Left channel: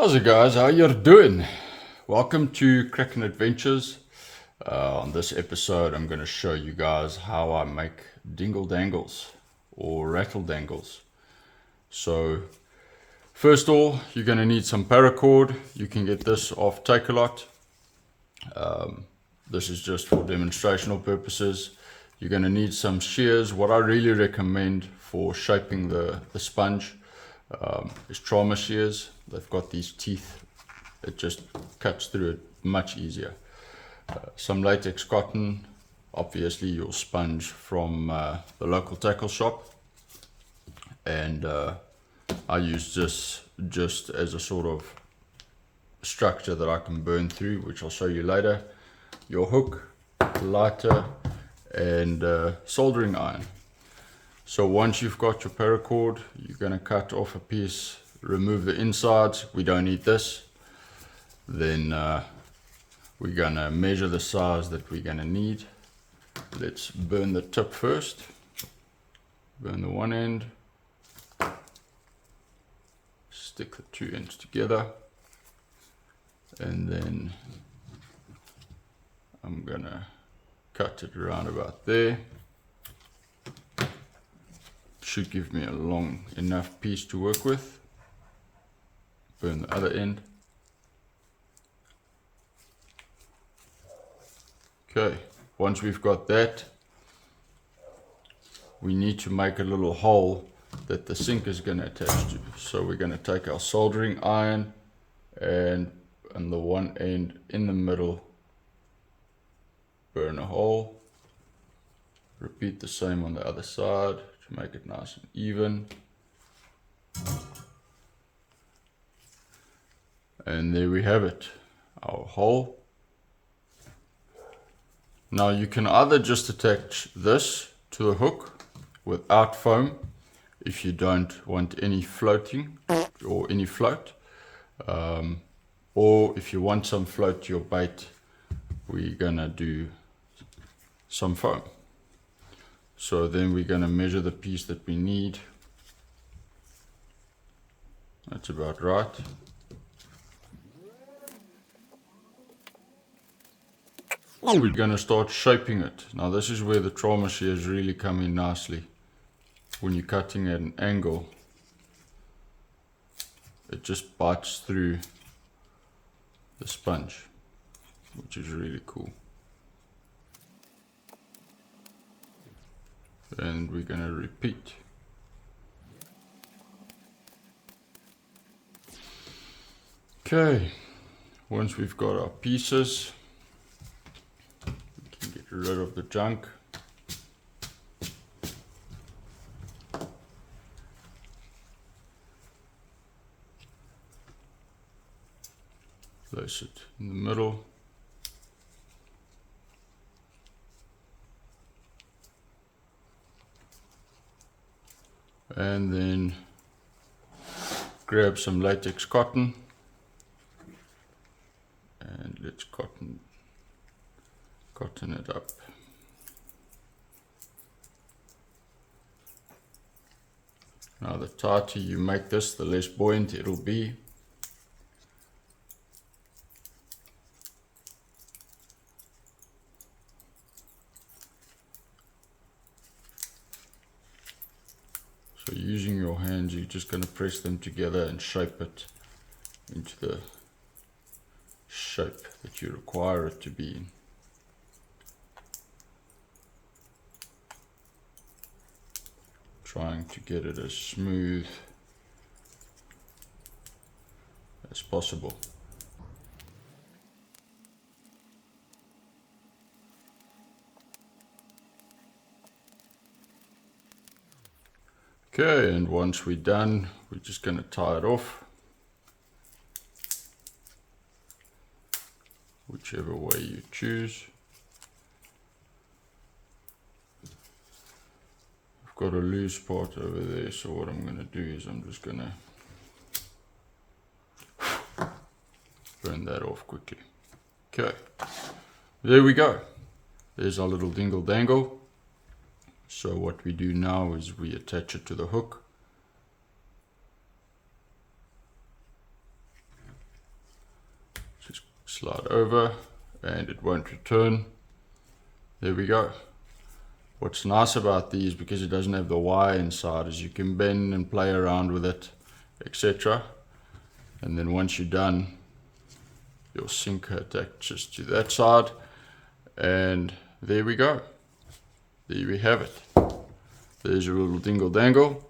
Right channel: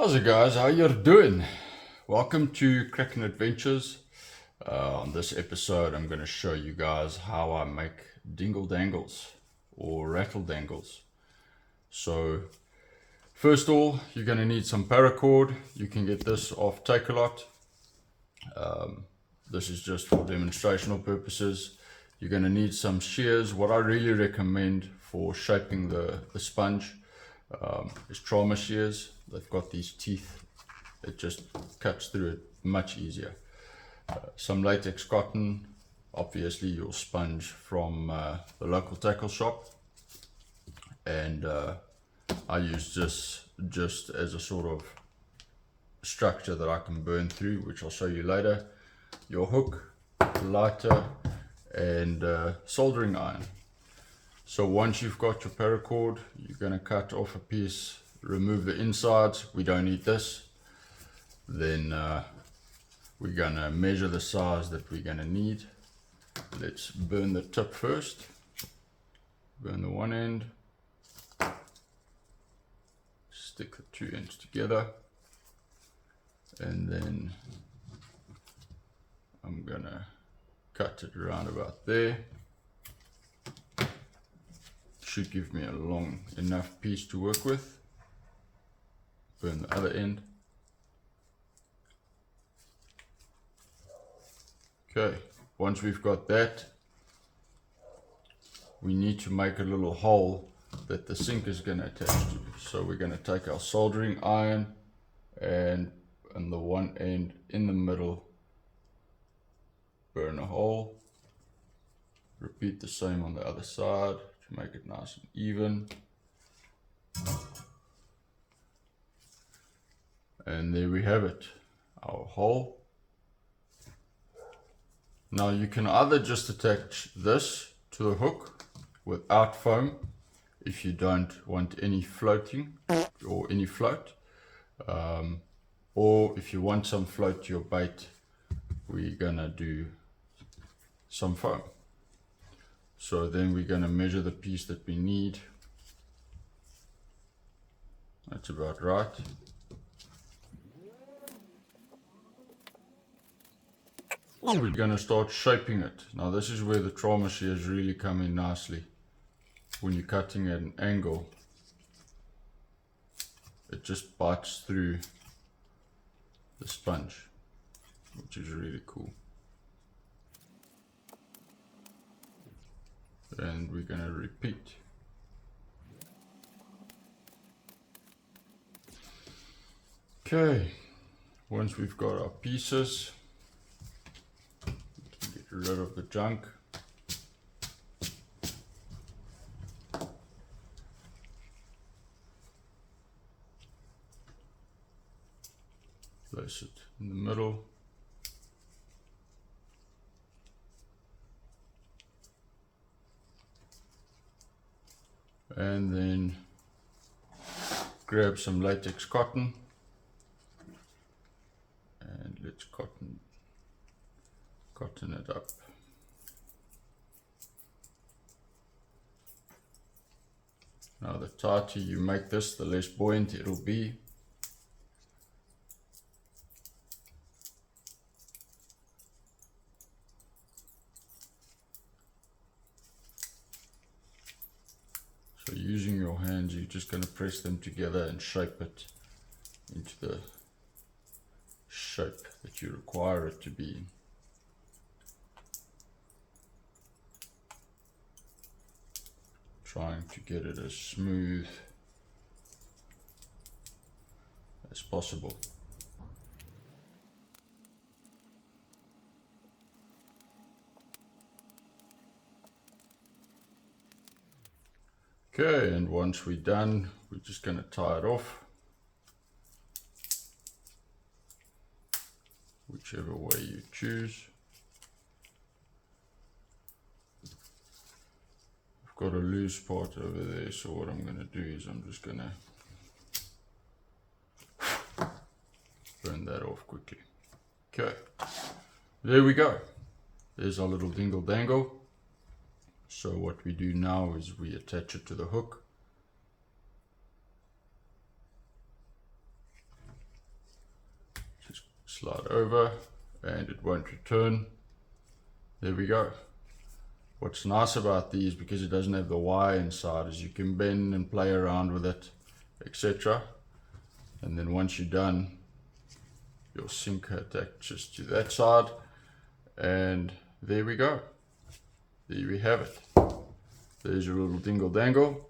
How's it, guys? How you doing? Welcome to Kraken Adventures. On this episode I'm going to show you guys how I make dingle dangles or rattle dangles. So first of all, you're going to need some paracord. You can get this off Takealot. This is just for demonstrational purposes. You're going to need some shears. What I really recommend for shaping the sponge is trauma shears. They've got these teeth. It just cuts through it much easier. Some latex cotton, obviously your sponge from the local tackle shop, and I use this just as a sort of structure that I can burn through, which I'll show you later. Your hook, lighter, and soldering iron. So once you've got your paracord, you're going to cut off a piece, remove the insides. We don't need this. Then we're going to measure the size that we're going to need. Let's burn the tip first. Burn the one end. Stick the two ends together. And then I'm going to cut it around about there. Should give me a long enough piece to work with. Burn the other end. Okay, once we've got that, we need to make a little hole that the sink is going to attach to. So we're going to take our soldering iron and on the one end in the middle, burn a hole. Repeat the same on the other side to make it nice and even. And there we have it, our hole. Now you can either just attach this to a hook without foam if you don't want any floating or any float, or if you want some float to your bait, we're gonna do some foam. So then we're gonna measure the piece that we need. That's about right. We're going to start shaping it. Now this is where the trauma shears really come in nicely. When you're cutting at an angle, it just bites through the sponge, which is really cool. And we're going to repeat. Okay, once we've got our pieces, rid of the junk. Place it in the middle. And then grab some latex cotton and let's cotton it up. Now the tighter you make this, the less buoyant it'll be. So using your hands, you're just going to press them together and shape it into the shape that you require it to be in. Trying to get it as smooth as possible. Okay, and once we're done, we're just going to tie it off, whichever way you choose. Got a loose part over there, so what I'm going to do is I'm just going to burn that off quickly. Okay, there we go. There's our little dingle dangle. So what we do now is we attach it to the hook. slide over and it won't return. There we go. What's nice about these, because it doesn't have the wire inside, is you can bend and play around with it, etc. And then once you're done, your sinker attaches to that side, and there we go. There we have it. There's your little Dingle Dangle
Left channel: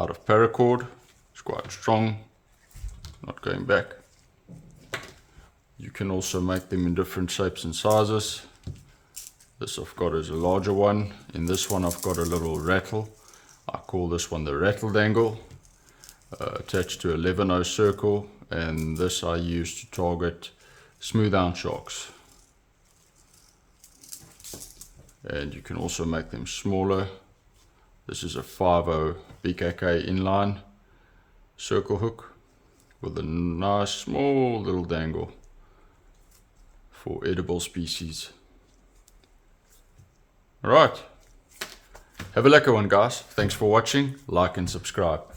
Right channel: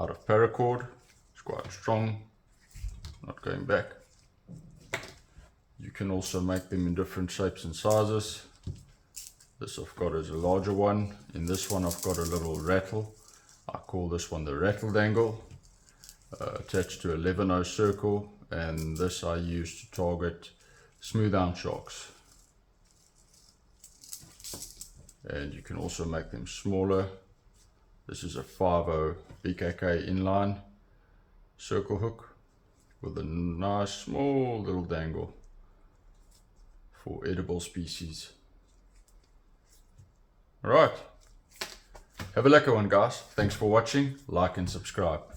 out of paracord. It's quite strong, not going back. You can also make them in different shapes and sizes. This I've got is a larger one. In this one I've got a little rattle. I call this one the Rattle Dangle, attached to a 11-0 circle, and this I use to target smooth-hound sharks. And you can also make them smaller. This is a 5-0 BKK inline circle hook with a nice small little dangle for edible species. Alright, have a lekker one guys. Thanks for watching, like and subscribe.